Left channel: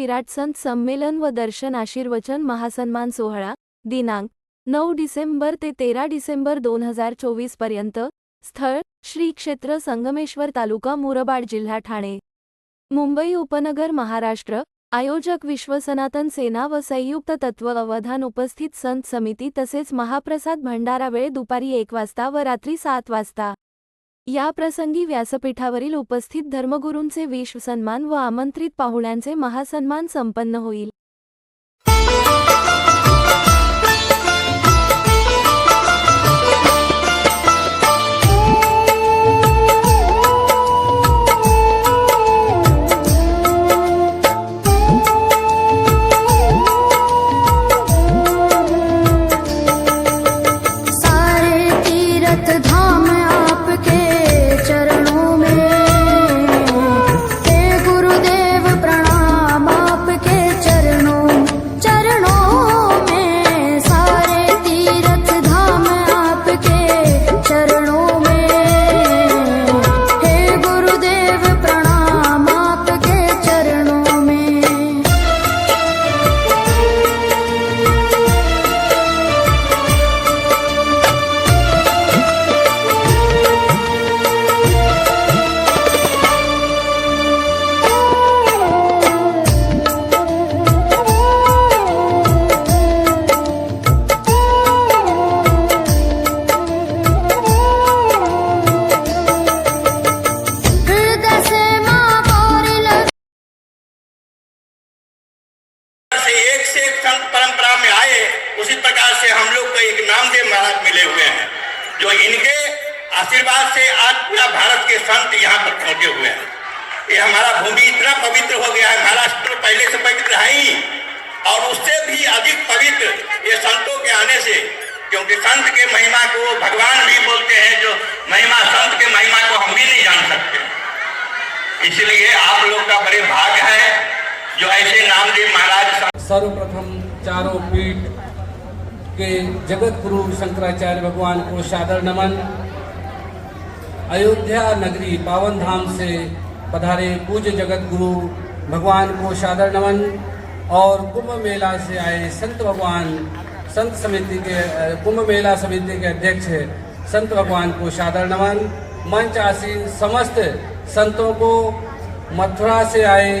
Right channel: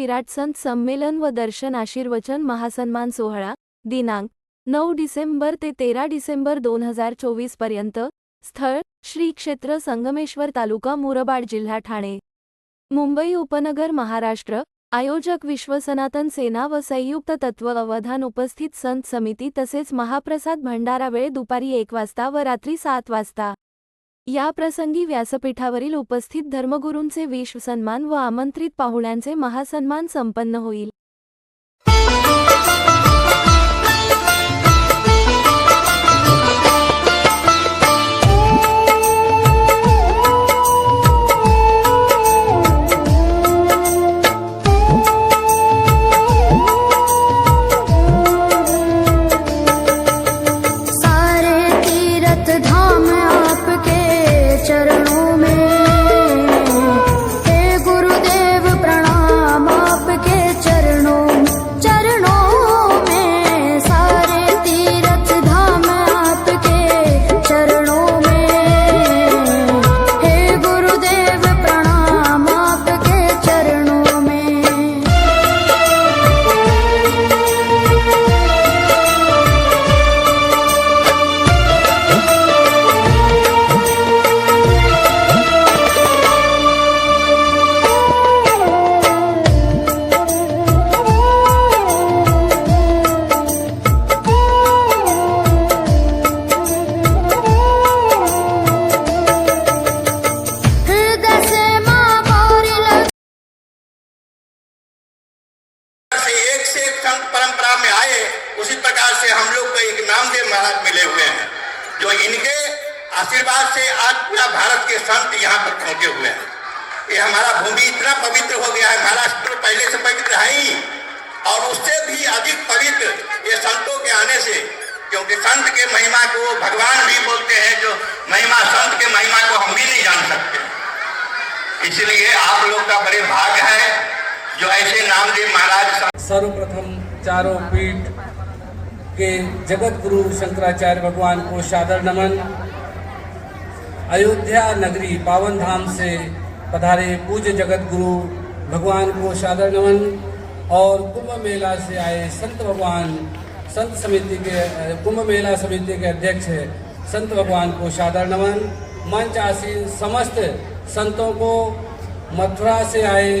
विराट संत संमेलन व दर्शन आशीर्वचन महासन्मान सोहळा दिनांक 9 डिसेंबर ते 13 डिसेंबर 2024 पर्यंत. स्थळ श्री क्षेत्र संगमेश्वर, तालुका मुरबाड, जिल्हा ठाणे, मुंबई उपनगर, महाराष्ट्र. आयोजक विश्व सनातन सेना व संयुक्त तत्व अवधान. उपस्थित संत समिती तसेच महाप्रसाद भंडारा. वेळ दुपारी 1 वाजता व रात्री 7 वाजता. या प्रसंगी व्यासपीठावरील उपस्थित धर्मगुरूंचे विश्व सन्मान व आमंत्रित पाहुण्यांचे महासन्मान संपन्न होईल. चरणों में हे गुरुदेव प्रणाम, आपके चरणों में सारे तीर्थ धाम आपके चरणों में। हे गुरुदेव प्रणाम, आपके चरणों में। परंपरा में आए उसी प्रकार से हम लोग को एक नामदेव महाराज मिले हुए हैं, जो इनके आशीर्वाद से आज पूरा भारत के संत यहाँ पर पहुंचे हुए हैं। ये हमारा भूमि इतना पवित्र हो गया है, महाराष्ट्र पहले से पवित्र है ही, और उससे भी अधिक पवित्र ये संतों के आने से, क्योंकि संत के महिमा को भगवान भी बोलते हैं, जो महिमा संत के महिमा को हम भी नहीं जान सकते। इसलिए आप लोग का बड़े भाग्य है जो ऐसे नामदेव महाराज। सर्वप्रथम चारों पीठ के जगत गुरु शंकराचार्य भगवान को सादर नमन। अयोध्या नगरी पावन धाम से पधारे पूज्य जगत गुरु भगवान को सादर नमन। और कुंभ मेला से आए संत भगवान, संत समिति के कुंभ मेला समिति के अध्यक्ष संत भगवान को सादर नमन। मंच आसीन समस्त संतों को, मथुरा से आए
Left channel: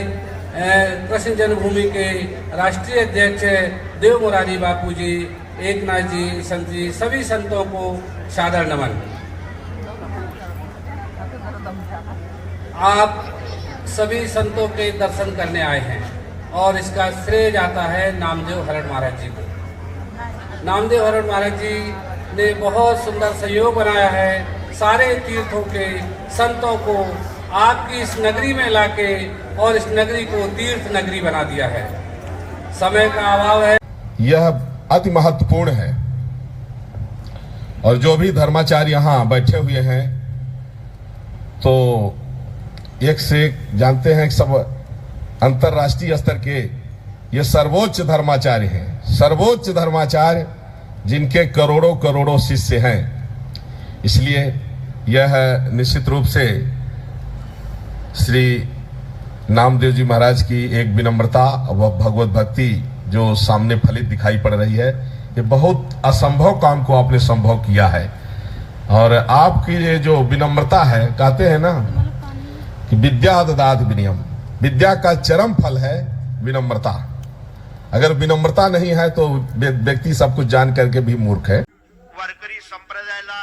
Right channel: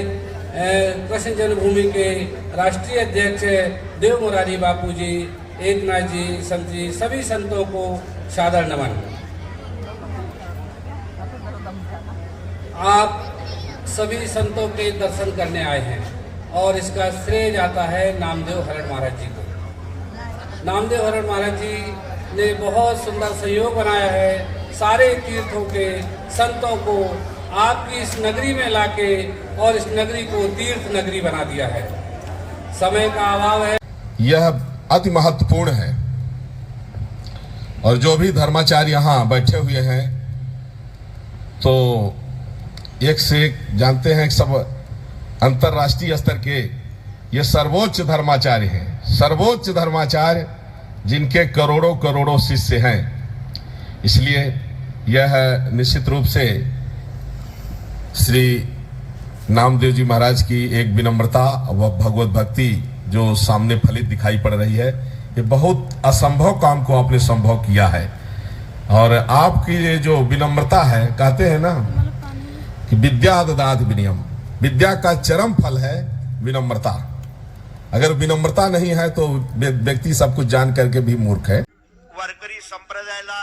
कृष्ण जन्मभूमि के राष्ट्रीय अध्यक्ष देव मुरारी बापू जी, एकनाथ जी, संत जी, सभी संतों को सादर नमन। आप सभी संतों के दर्शन करने आए हैं और इसका श्रेय जाता है नामदेव हरण महाराज जी को। नामदेव हरण महाराज जी ने बहुत सुंदर सहयोग बनाया है, सारे तीर्थों के संतों को आपकी इस नगरी में लाके और इस नगरी को तीर्थ नगरी बना दिया है। समय का अभाव है, यह अति महत्वपूर्ण है। और जो भी धर्माचार्य यहाँ बैठे हुए हैं तो एक से एक जानते हैं, सब अंतर्राष्ट्रीय स्तर के ये सर्वोच्च धर्माचार्य हैं, सर्वोच्च धर्माचार्य जिनके करोड़ों करोड़ों शिष्य हैं। इसलिए यह निश्चित रूप से श्री नामदेव जी महाराज की एक विनम्रता व भगवत भक्ति जो सामने फलित दिखाई पड़ रही है। ये बहुत असंभव काम को आपने संभव किया है, और आपकी ये जो विनम्रता है, कहते हैं ना कि विद्या ददाति विनयम, विद्या का चरम फल है विनम्रता। अगर विनम्रता नहीं है तो व्यक्ति सब कुछ जान करके भी मूर्ख है। वारकरी संप्रदायाला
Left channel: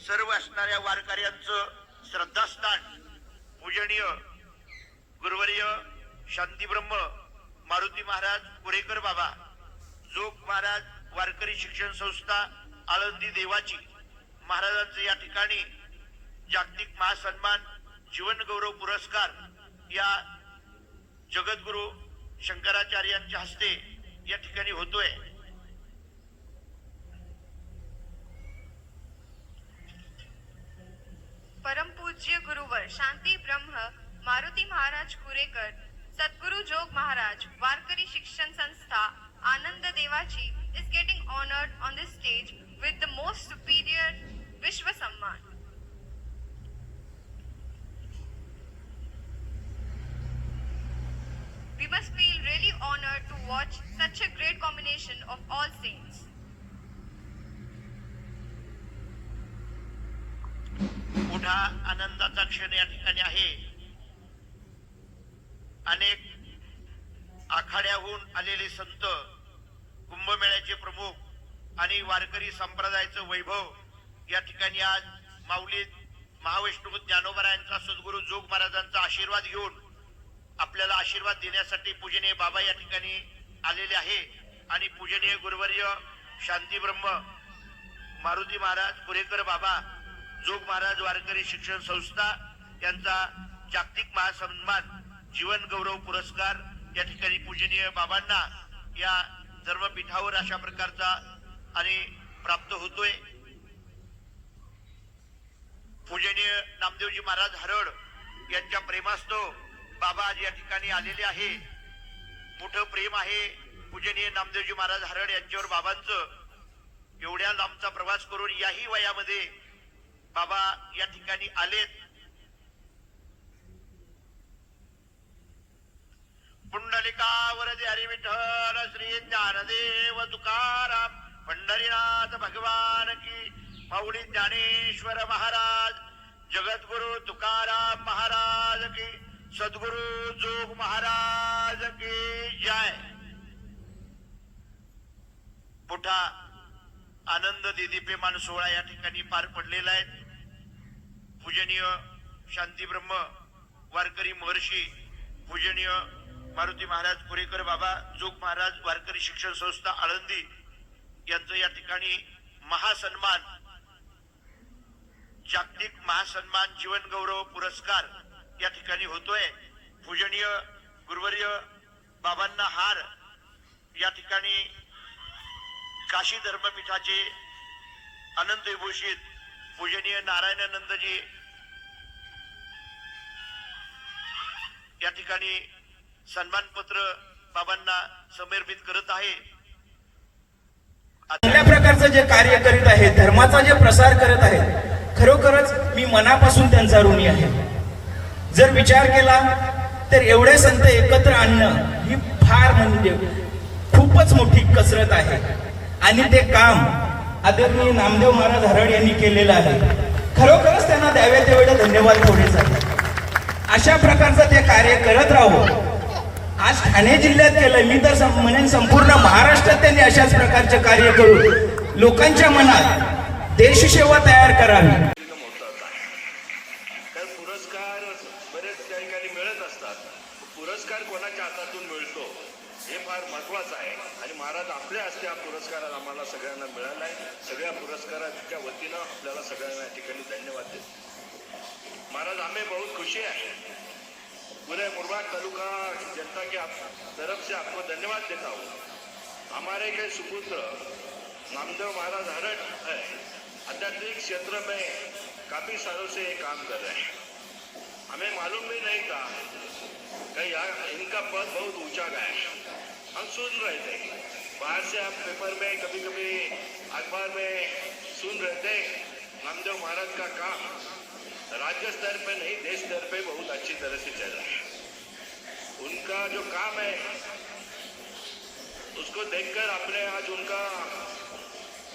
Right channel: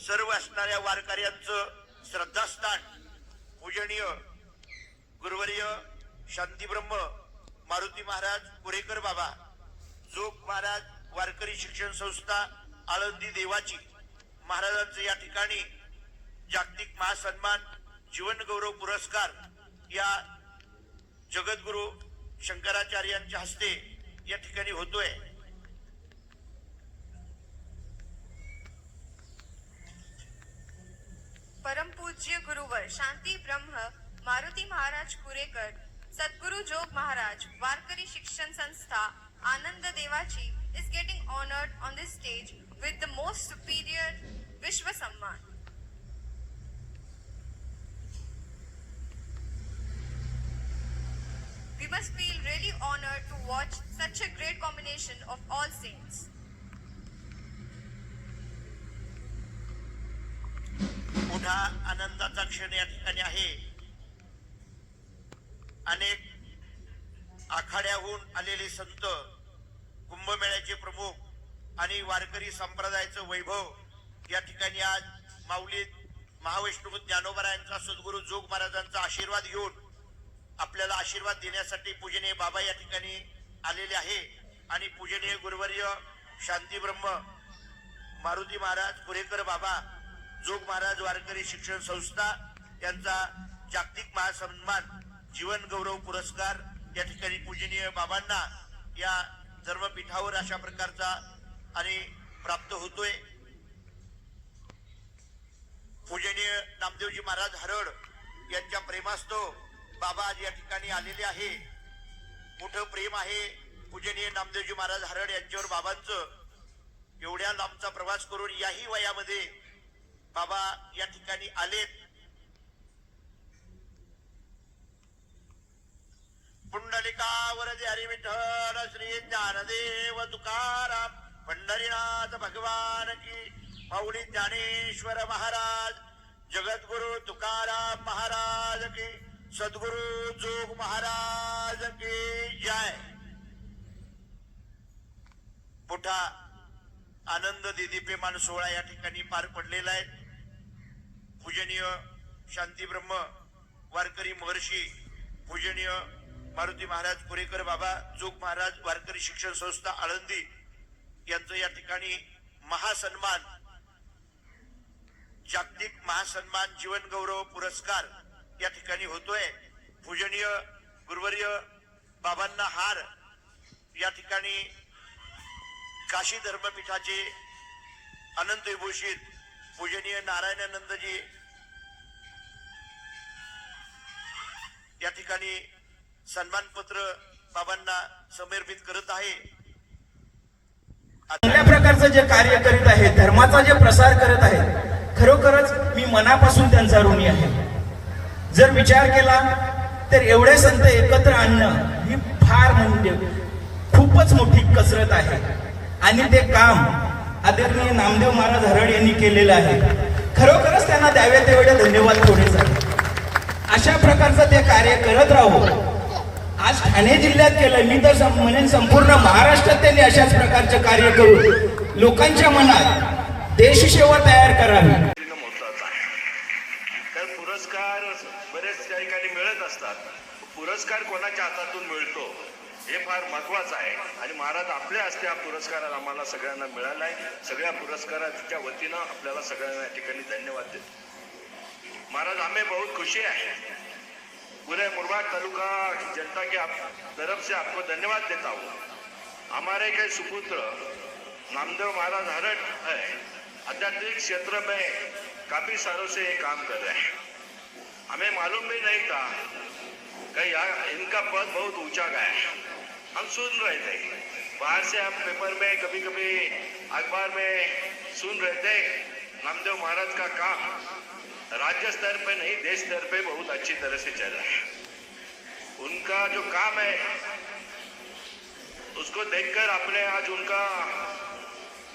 सर्व असणाऱ्या वारकऱ्यांचं श्रद्धास्थान पूजनीय गुरुवर्य शांतीब्रह्म मारुती महाराज कुरेकर बाबा, जोग महाराज वारकरी शिक्षण संस्था आळंदी देवाची महाराजांचे या ठिकाणी जागतिक महासन्मान जीवन गौरव पुरस्कार या जगद्गुरु शंकराचार्यांच्या हस्ते या ठिकाणी होतोय। परम पूज्य गुरुवर शांती ब्रह्म मारुती महाराज कुरेकर, सद्गुरु जोग महाराज वारकरी शिक्षण संस्था आनंद देवाची is getting honored on this stage with the most superior Vishwa Samman. We must feel honored to watch such a great combination of all saints. मोठा आनंदाचा क्षण या ठिकाणी आहे. अनेक आखाड्याहून आलेले संत, कुंभमेळ्याचे प्रमुख आणि वारकरी संप्रदायाचं वैभव या ठिकाणी आज माऊली महावैष्णव ज्ञानोबरायांचा सद्गुरू जोग महाराजांचा आशीर्वाद घेऊन आपल्याला आशीर्वाद देण्यासाठी पूजनीय बाबा या ठिकाणी आलेले आहे. आणि पूजनीय गुरुवर्य शांतीब्रह्म मारुती महाराज कुरेकर बाबा जोग महाराज वारकरी शिक्षण संस्था यांचा जागतिक महासन्मान जीवन गौरव पुरस्कार या ठिकाणी पूजनीय बाबांना या धर्मपीठावर अशा प्रकारचा आणि प्राप्त होतोय. पूजनीय नामदेवजी महाराज हरड यांच्या प्रेमास्तव बाबा आज या ठिकाणी आलेले आहे. मोठं प्रेम आहे पूजनीय नामदेवजी महाराज हरड यांच्यावर बाबांचं. एवढ्या लांबचा प्रवास करून याही वयामध्ये बाबा या ठिकाणी आलेत. पुंडलिकावरती हरी विठ्ठल श्री ज्ञानदेव तुकाराम पंढरीनाथ भगवान की. माऊली ज्ञानेश्वर महाराज, जगद्गुरु तुकाराम महाराज की, सद्गुरु जोग महाराज की जय. मोठा आनंद दीदीप्यमान सोहळा या ठिकाणी पार पडलेला आहे. पूजनीय शांतीब्रह्म वारकरी महर्षी पूजनीय मारुती महाराज कुरेकर बाबा जोग महाराज वारकरी शिक्षण संस्था आळंदी यांचं या ठिकाणी महासन्मान, जागतिक महासन्मान जीवन गौरव पुरस्कार या ठिकाणी होतोय. पूजनीय गुरुवर्य बाबांना हार या ठिकाणी काशी धर्मपीठाचे अनंत विभूषित पूजनीय नारायणानंदजी या ठिकाणी सन्मानपत्र बाबांना समर्पित करत आहे. चांगल्या प्रकारचं जे कार्य करीत आहेत, धर्माचा जे प्रसार करत आहेत, खरोखरच मी मनापासून त्यांचा ऋणी आहे. जर विचार केला तर एवढे संत एकत्र आणणं ही फार म्हणजे खूपच मोठी कसरत आहे. आणि ते काम आदरणीय नामदेव महाराज हरड यांनी केलेलं आहे. खरोखरच त्यांना द्यावे तेवढे धन्यवाद थोडेच आहेत. अशा प्रकारचं ते कार्य करत राहू. आज ठाणे जिल्ह्यात केलं, मी तर म्हणेन संपूर्ण महाराष्ट्रात त्यांनी अशाच प्रकारचे कार्य करून लोकांच्या मनात देशसेवा तयार करावी. तर पुरस्कार बरेच त्या ठिकाणी मिळत असतात. पुरस्कार कोणाच्या हातातून मिळतो हे फार महत्वाचं आहे. आणि महाराज आपल्या हस्ते हा पुरस्कार आम्हाला सगळ्यांना मिळाला आहे. सगळ्या पुरस्काराच्या वतीनं आपल्याला सगळ्यांना या ठिकाणी धन्यवाद देतो. महाराज हमें बहुत खुशी है, पूरे मुरबाड तालुका जनता के तरफ से आपको धन्यवाद देता हूँ. हमारे के सुपुत्र नामदेव महाराज हरड है, आध्यात्मिक क्षेत्र में काफी सालों से ये काम कर रहे हैं. हमें मालूम भी नहीं था कि इनका पद बहुत ऊंचा गया है. हम सुन रहे थे बाहर से, हम पेपर में कभी कभी अखबार में सुन रहे थे नामदेव महाराज का काम राज्य स्तर पे नहीं देश स्तर पे बहुत अच्छी तरह से चल रहा है. उनका जो काम है उसको देखकर आपने आज उनका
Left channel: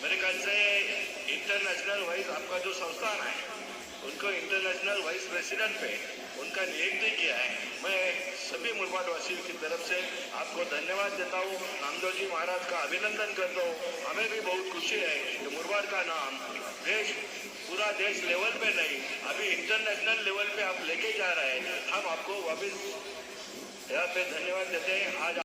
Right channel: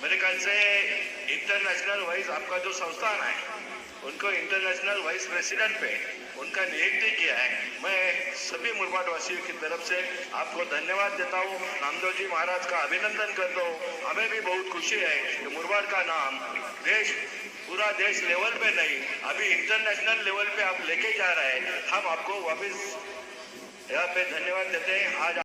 मेरे ख्याल से इंटरनेशनल वाइज आपका जो संस्थान है उनको इंटरनेशनल वाइस प्रेसिडेंट पे उनका नियुक्ति किया है. मैं सभी मुरबाडवासियों की तरफ से आपको धन्यवाद देता हूँ. नामदेव जी महाराज का अभिनंदन करता हूँ. हमें भी बहुत खुशी है कि मुरबाड का नाम पूरा देश लेवल पे नहीं, अभी इंटरनेशनल लेवल पे आप लेके जा रहे हैं. हम आपको वापस यहाँ पे धन्यवाद देते हैं. आज